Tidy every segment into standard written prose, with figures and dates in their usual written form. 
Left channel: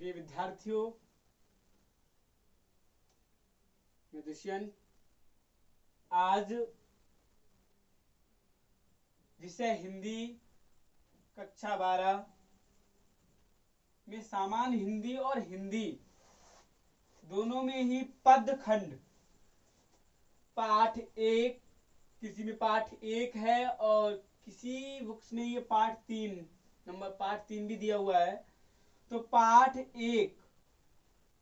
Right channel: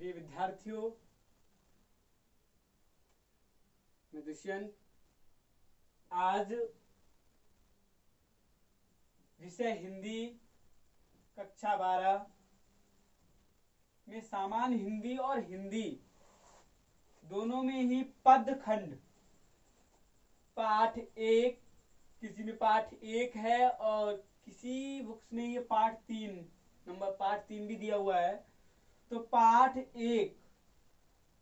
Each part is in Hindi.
प्रिय विद्यार्थियों, मैं दुष्यंत आज विषय हिंदी कक्षा 12 में सामान्य हिंदी और हिंदी दोनों में ही पद खंड पाठ 1, किसी में पाठ 1 है और किसी बुक्स में ये पाठ 3 नंबर पाठ 3 भी दिया हुआ है। तो पाठ 1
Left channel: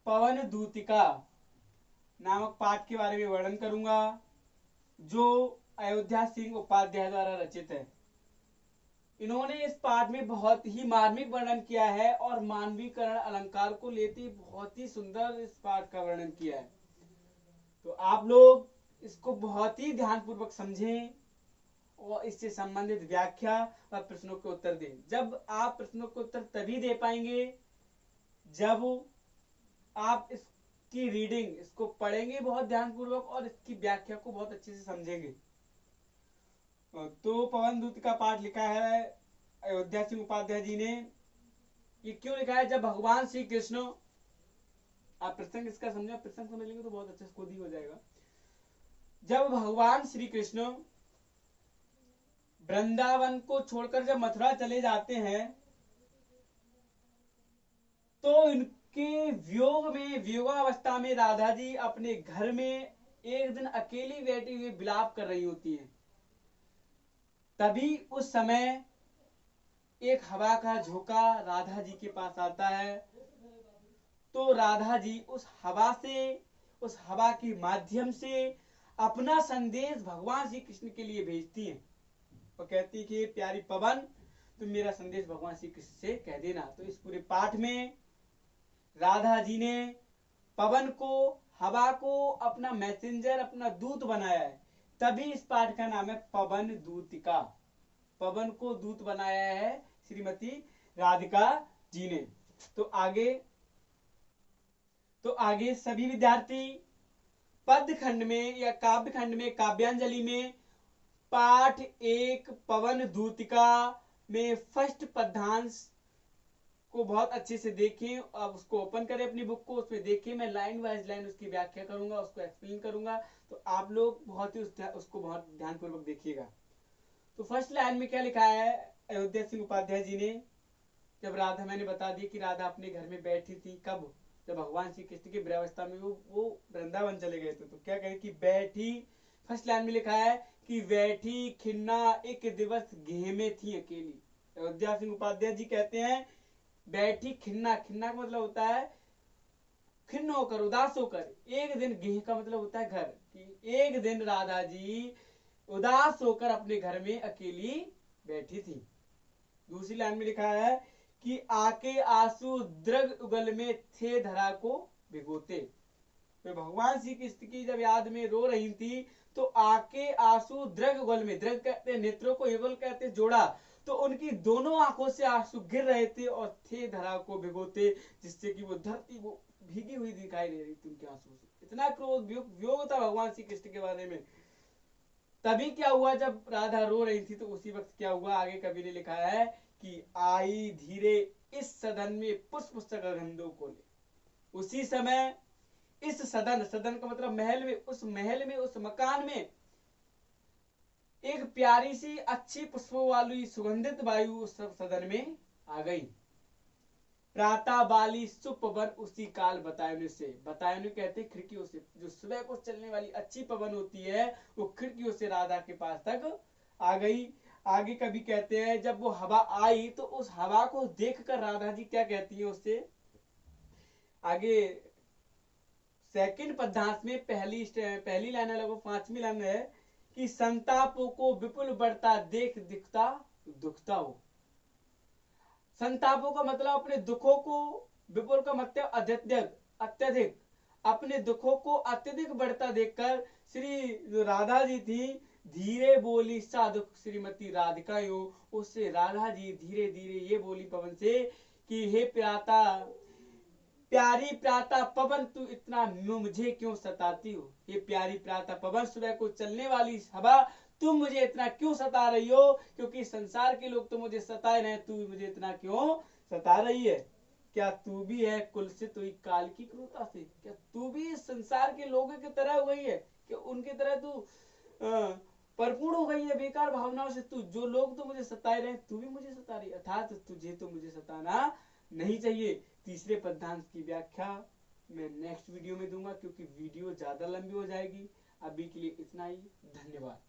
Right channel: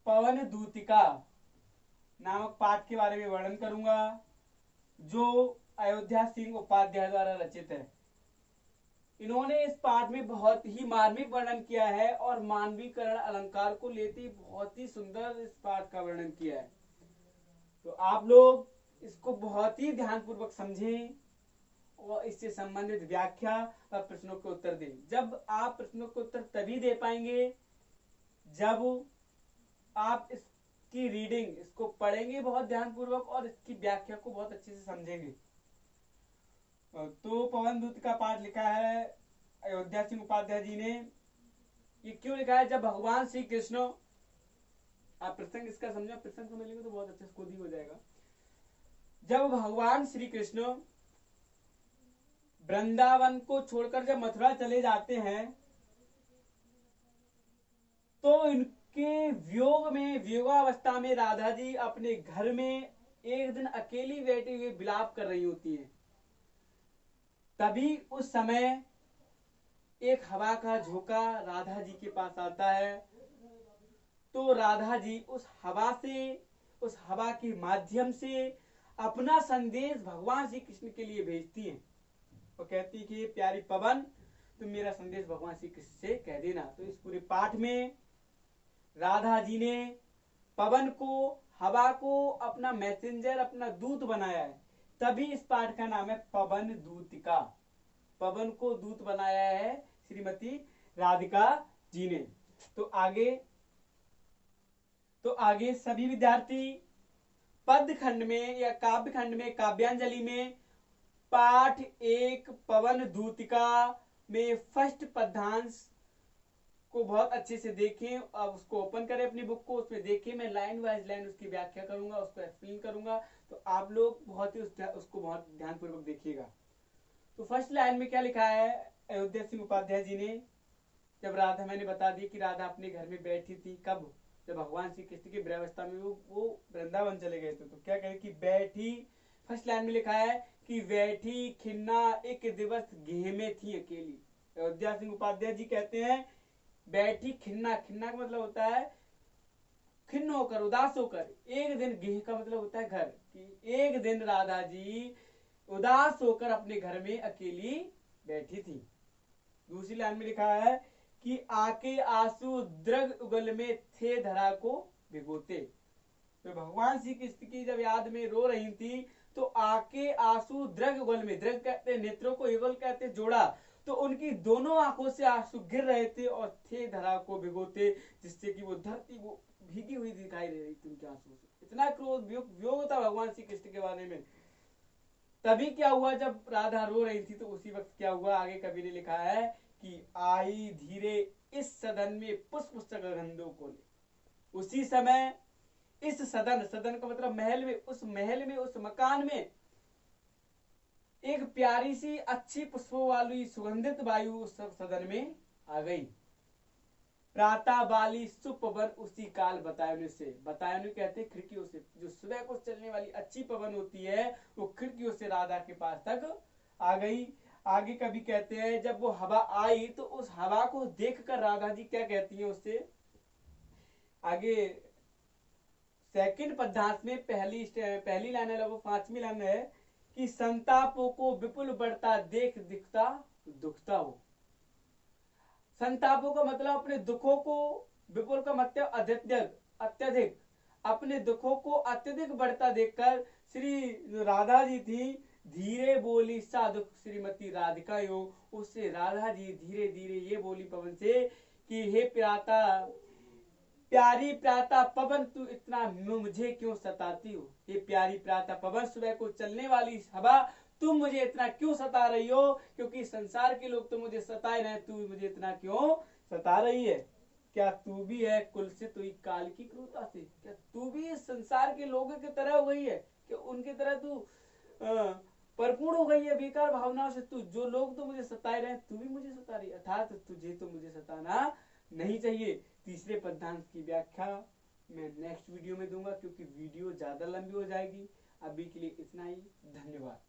पवन दूतिका नामक पाठ के बारे में वर्णन करूंगा, जो अयोध्या सिंह उपाध्याय द्वारा रचित है। इन्होंने इस पाठ में बहुत ही मार्मिक वर्णन किया है और मानवीकरण अलंकार को लेते बहुत ही सुंदर इस पाठ का वर्णन किया है। तो आप लोग इसको बहुत ही ध्यानपूर्वक समझें और इससे संबंधित व्याख्या व प्रश्नों के उत्तर दें। जब आप प्रश्नों के उत्तर तभी दे पाएंगे जब आप इसकी रीडिंग, इसको पढ़ेंगे बहुत ध्यानपूर्वक और इसकी व्याख्या को बहुत अच्छे से समझेंगे। तो पवन दूत का पाठ लिखा है अयोध्या सिंह उपाध्याय जी ने। ये क्यों लिखा है? जब भगवान श्री कृष्ण, आप प्रसंग इसका समझे, प्रसंग समझ लेंगे तो बहुत अच्छा खुद ही हो जाएगा। जब भगवान श्री कृष्ण वृंदावन को छोड़कर जब मथुरा चले जाते हैं तो इनके वियोगावस्था में राधा जी अपने घर में एक दिन अकेली बैठी हुई विलाप कर रही होती हैं। तभी उस समय एक हवा का झोंका राधा जी के पास आता है। तो राधा जी उस हवा के माध्यम से अपना संदेश भगवान श्री कृष्ण के लिए भेजती हैं और कहती कि प्यारी पवन, तुम मेरा संदेश भगवान श्री कृष्ण से कह देना। तो इस पूरे पाठ में राधा जी ने पवन को, हवा को अपना मैसेंजर, अपना दूत बनाया है। तभी इस पाठ का नाम है पवन दूतिका। पवन को दूत बनाया है श्रीमती राधिका जी ने। तो आगे सभी विद्यार्थी पद खंड में या काव्य खंड में, काव्यांजलि में पाठ 1 पवन दूतिका में फर्स्ट पद्यांश को बहुत अच्छे से देखें। अब उसको ओपन करें अपनी बुक को, उसमें देखें। मैं लाइन वाइज लाइन उसकी व्याख्या करूंगा, उसको एक्सप्लेन करूंगा, तो आप लोग बहुत ही उसको बहुत ध्यानपूर्वक देखिएगा। तो फर्स्ट लाइन में क्या लिखा है अयोध्या सिंह उपाध्याय जी ने? जब राधा, मैंने बता दी कि राधा अपने घर में बैठी थी, कब? जब भगवान श्री कृष्ण की ब्रह्मावस्था में वो वृंदावन चले गए थे। तो क्या कहे कि बैठी, फर्स्ट लाइन में लिखा है कि बैठी खिन्ना एक दिवस गेह में थी अकेली। अयोध्या सिंह उपाध्याय जी कहते हैं बैठी खिन्ना, खिन्ना का मतलब होता है खिन्न होकर, उदास होकर। एक दिन, गेह का मतलब होता है घर, कि एक दिन राधा जी उदास होकर अपने घर में अकेली बैठी थी। दूसरी लाइन में लिखा है कि आके आंसू द्रग उगल में थे धरा को भिगोते। तो भगवान श्री कृष्ण की जब याद में रो रही थी तो आके आंसू द्रग उगल में, द्रग कहते हैं नेत्रों को, युगल कहते हैं जोड़ा, तो उनकी दोनों आंखों से आंसू गिर रहे थे और थे धरा को भिगोते, जिससे कि वो धरती वो भीगी हुई दिखाई दे रही थी उनके आंसू से। इतना क्रोध वियोग था भगवान श्री कृष्ण के बारे में। तभी क्या हुआ, जब राधा रो रही थी तो उसी वक्त क्या हुआ, आगे कवि ने लिखा है कि आई धीरे इस सदन में पुष्प सगंधों को ले। उसी समय इस सदन, सदन का मतलब महल में, उस महल में, उस मकान में एक प्यारी सी अच्छी पुष्पों वाली सुगंधित वायु उस सदन में आ गई। प्रातः बाली सुपवन उसी काल बतायनु से, बतायनु कहते हैं खिड़कियों से, जो सुबह को चलने वाली अच्छी पवन होती है वो खिड़कियों से राधा के पास तक आ गई। आगे कभी कहते हैं जब वो हवा आई तो उस हवा को देखकर राधा जी क्या कहती है उससे? आगे सेकंड पद्यांश में पहली लाइन है, लगभग 5वीं लाइन है कि संतापों को विपुल बढ़ता देख दिखता दुखता हो। संतापों का मतलब अपने दुखों को, विपुल का मतलब अत्यधिक, अपने दुखों को अत्यधिक बढ़ता देखकर श्री राधा जी थी धीरे बोली साधुक श्रीमती राधिका यो। उससे राधा जी धीरे धीरे ये बोली पवन से कि हे प्यारी प्रातः पवन, तू इतना मुझे क्यों सताती हो? ये प्यारी प्रातः पवन, सुबह को चलने वाली हवा, तुम मुझे इतना क्यों सता रही हो? क्योंकि संसार के लोग तो मुझे सताए रहे, तू मुझे इतना क्यों सता रही है? क्या तू भी है कुल से तो काल की क्रूरता से? क्या तू भी इस संसार के लोगों की तरह हो गई है कि उनकी तरह तू परिपूर्ण हो गई है बेकार भावनाओं से? तू जो लोग तो मुझे सताए रहे तू भी मुझे सता रही, अर्थात तुझे तो मुझे सताना नहीं चाहिए। तीसरे पद्यांश की व्याख्या मैं नेक्स्ट वीडियो में दूंगा, क्योंकि वीडियो ज्यादा लंबी हो जाएगी। अभी के लिए इतना ही, धन्यवाद।